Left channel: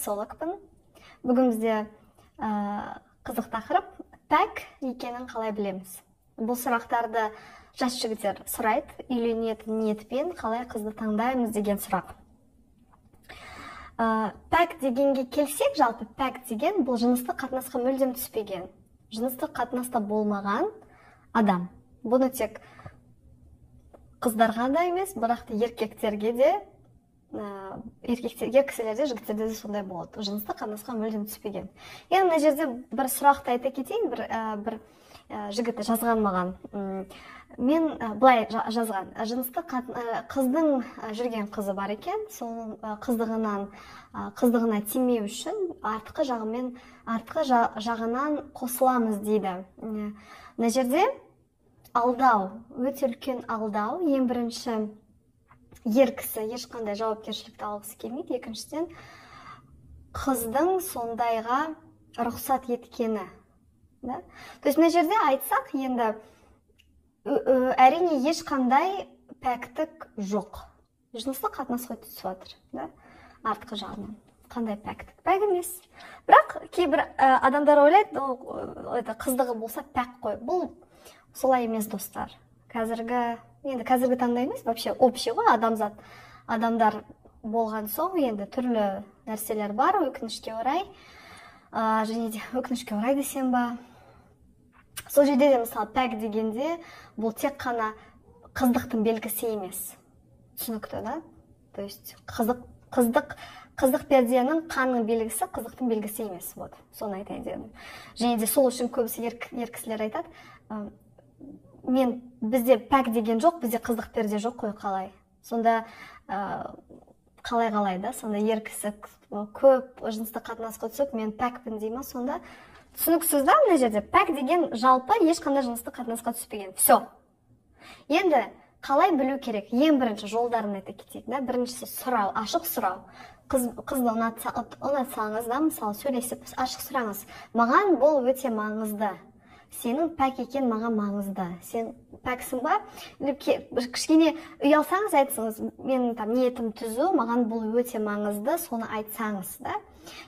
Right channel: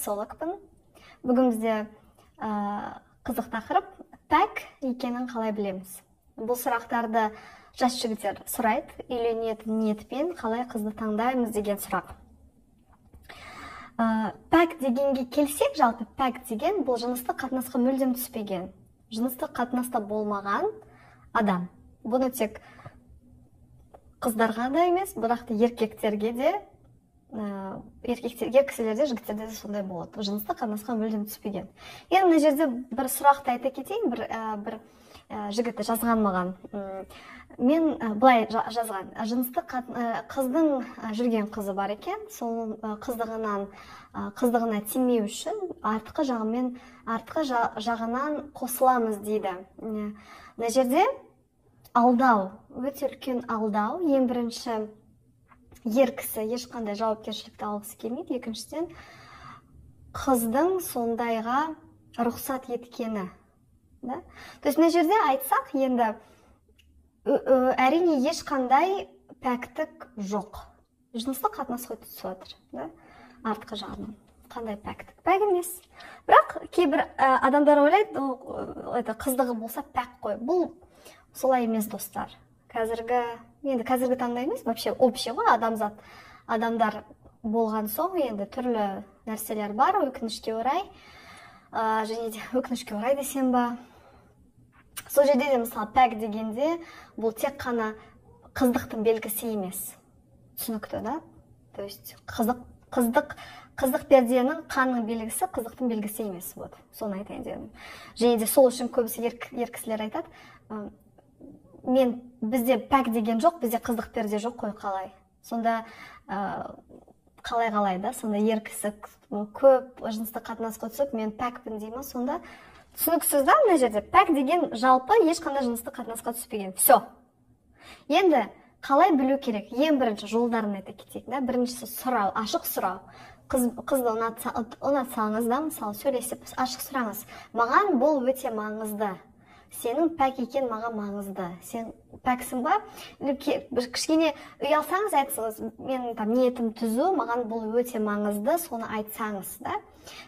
сексологпын. Бүгін бізде қызық тақырып пәк екенін қалай білеміз. Бұл сұрақтарды жас жігіттер сұрайды, үйленетін ниетпен қалай қызды таңдаймыз деген сұрақ. Пәк дегенге келсек, жалпы пәк деген бұл жыныстық қатынасқа мүлдем түспеген, жыныстық қатынаста болмаған адам. Бұны тек қыздарға да емес, бірақ та еркектерге де, ер кісілерде, жігіттерде де сондай болады. Жыныстық қатынасқа мүлдем түспеген. Енді мына жерде бір сұрақты айта кетейін, бір жігіт жазған маған. Мен былай жазған, қыздың жүрген қызы бар екен, сол қыздығына тимеу үшін артқы жағынан қосыламыз дейді. Мына жерде алдау, өте үлкен алдау. Ең бірінші, ер кісі ешқандай жауапкершілікті алғысы келмейді. Екіншіден, қыздың сондайға рұқсат еткені. То есть, мына жерде айтсақ, енді әрине ешқандай пәктік жоқ. Жыныстық қатынасқа түсіп жатыр, артқы жағынан. Қандай пәктік? Пәк емес. Бірақ кейбір адамдар ойлайды, қыздығы болса пәк қой. Бұл солай емес, достар. Қазіргі таңда емес, вообще общий ғой, адамдар болған соң, енді түрлі нәрселер бар, өкінішке орай. Және де өкінішке орай десем ба. Сол жерде де, мысалы, пәк дегенде, бұл тек қана қыздықтың белгісі емес. Түсінікті, да? То есть, қыздық перденің қанның белгісі, қыздықтың белгісі емес. Вот, соны айтайын дедім. Және де сол үшін көбісі ер кісілер айтады, бізде пәк деген жоқ, бізде қыздық перде жоқ қой, қалай. Сонда қалай, да? Сонда ер кісі көп жыныстық қатынасқа түсіп, мен пәкпін дейма, сонда түсініксіз, да, мына жерде пәк деген жалпы ешқандай жыныстық қатынасқа түспеген. Все. Енді қалай білу керек? Ең бірінші жолдарын айта кетейік, да? Біріншісі сұрау, ашық сұрау. Қызды ұнатсаңыз, да, мысалы, сөйлесіп, ашық сұраңыз. Маған бұл өте маңызды. Сенің пәк екен маған маңызды. Сен пәксің ба? Кішкене ұялсаңыз айтсаңыз, менің ниетім түзу, маған бұл өте маңызды, соны айтсаңыз, да?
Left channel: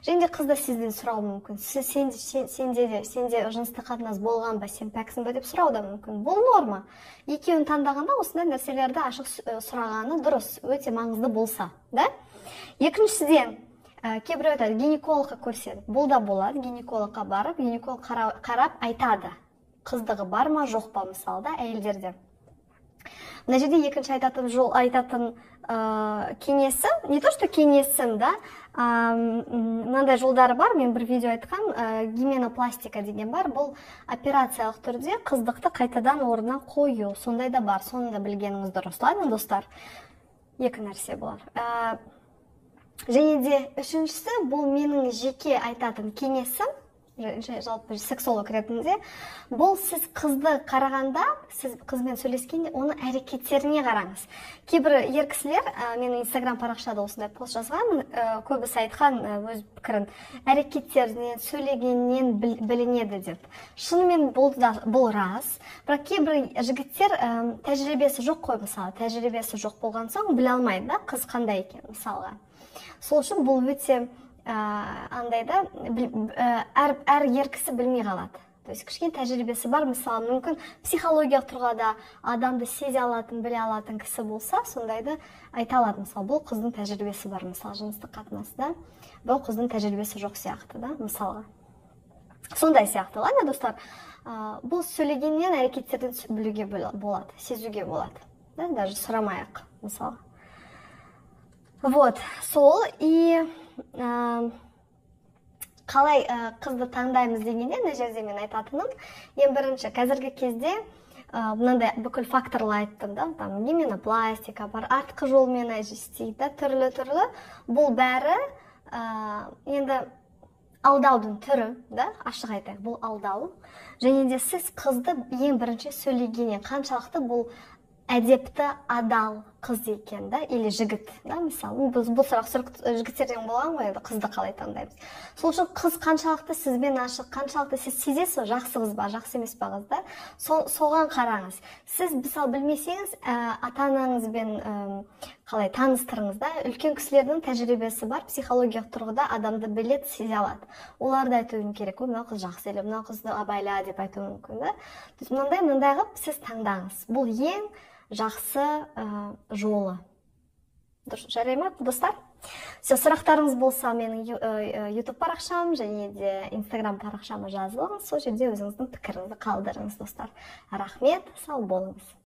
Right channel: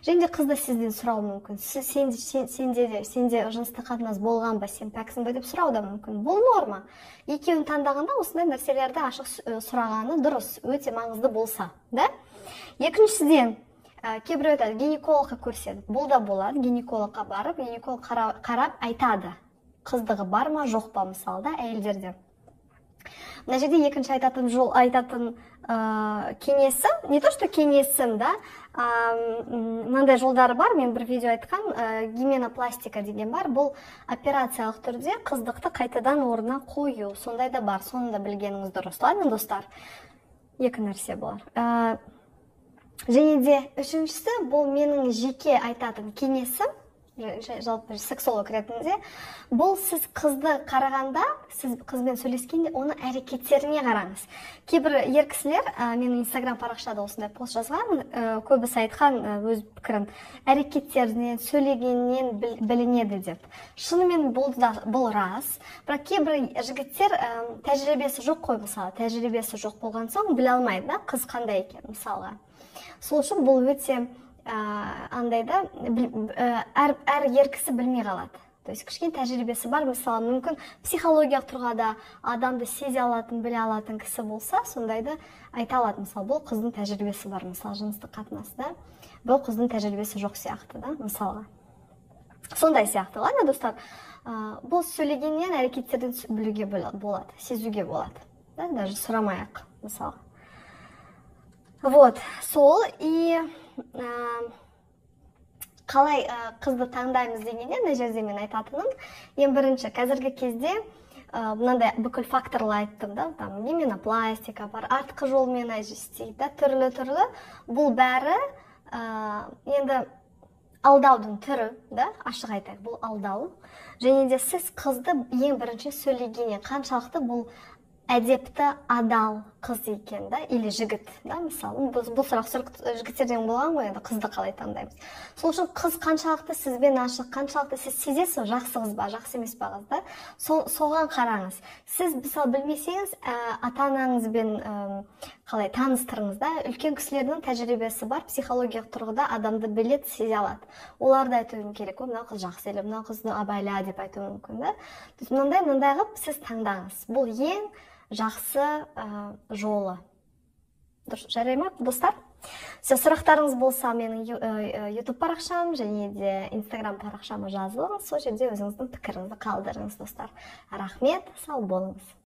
Және де қызды сізден сұрау мүмкін. Сенде жыныстық қатынас болған ба, сен пәксің ба деп сұрау да мүмкін. Бұл норма. Екеуін таңдағанда осындай нәрселерді ашық сұрағаны дұрыс, өте маңызды болса, да? Екіншіден, кейбір өтеді, гинекологқа көрсетіп. Бұл да болады, гинекологқа барып, гинеколог қарап айтады. Қыздығы бар ма, жоқ па, мысалы, да, әйелдерде. Мына жерде екінші айтатын кеңесім, не то, что кеңесім, да, мынандай жолдары бар, мен бір видео айтқан, гименопластика деген бар, бұл операциялық түрде қыздықты қайтадан орнына қою, сондай да бар, соны да білгеніңіз дұрыс, ладно, достар? Екі нәрсе болар. Және де үшіншісі, бұл менің жеке айтатын кеңесім, жалпы сексолог ретінде, бұл сіз қызды қарағанда, сіз қызбен сөйлескенде, оның әрекеттеріне қараңыз. Кейбір ер кісілер, менің инстаграм парақшада осындай пост жазған, көбісі айтқан өз пікірін, әрекеттерінен, сөйлегеннен білінеді деп. Шынымен бұл рас, бірақ кейбір жігіттер тәжірибесі жоқ қой, мысалы, тәжірибесі жоқ болған соң біле алмайды, да, қыз қандай екен, мысалға. Сол үшін бұл өте андайда әр ер кісі білмей қалады. То есть кішкене тәжірибесі бар, мысалы, мүмкін психологиялық тұрғыда адамды сезе алатын, біле алатын кісі болса, сондайды айта алады. Мысалы, бұл қыздың тәжірибесі бар, мысалы, жыныстық қатынаста, бұл қыздың тәжірибесі жоқ сияқты, да, мысалға. Сондай сияқты, ладно, достар, бұл сөйлегеннен әрекеттерден білуге болады, сезуге болады, да, даже сұрамай-ақ, мысалы. Вот, сол, и қалай қызды таңдаймыз дегенде, мына жерде мен айтатыным, ең бірінші, қазіргі кезде мынандай бүкіл факторлар айттым, да, там гименопластика бар, артқы жолмен істейді, түрлі, бұл бәрі енді алдаудың түрі, да, ашық айтайық, бұл алдау. Және де сіз қызды ең бірінші сөйлегеннен қаншалықты бұл әдепті, адал, қыз екен да, или жігіт да, мысалы бұл сұрақ жігіттерден болған ғой, енді қызды қалай таңдаймыз. Сол үшін қыз қаншалықты сізбен ашық, қаншалықты сіз сезесіз жақсы қыз ба, жақсы емес па қыз да, соған қараңыз. Сіз мысалы білмесеңіз, ата-анаңызбен қалай таныстырыңыз да, үлкен кісілердің тәжірибесі бар, психологиялық тұрғыда адамды білет, сезе алады. Оларды айтуым керек, мынау қыз жақсы елі, мынау қызды абайла деп айтуы мүмкін да. Мынандай қылып сіз таңдаңыз. Бұл ең жақсы жолы. Дұрыс, жарай ма, достар? Сұрақтарыңыз болса, менің YouTube парақшам және де Instagram парақшама жазылыңыз. Сол жерде өзіңіздің пікіріңізді қалдырыңыз, достар. Рахмет, сау болыңыз.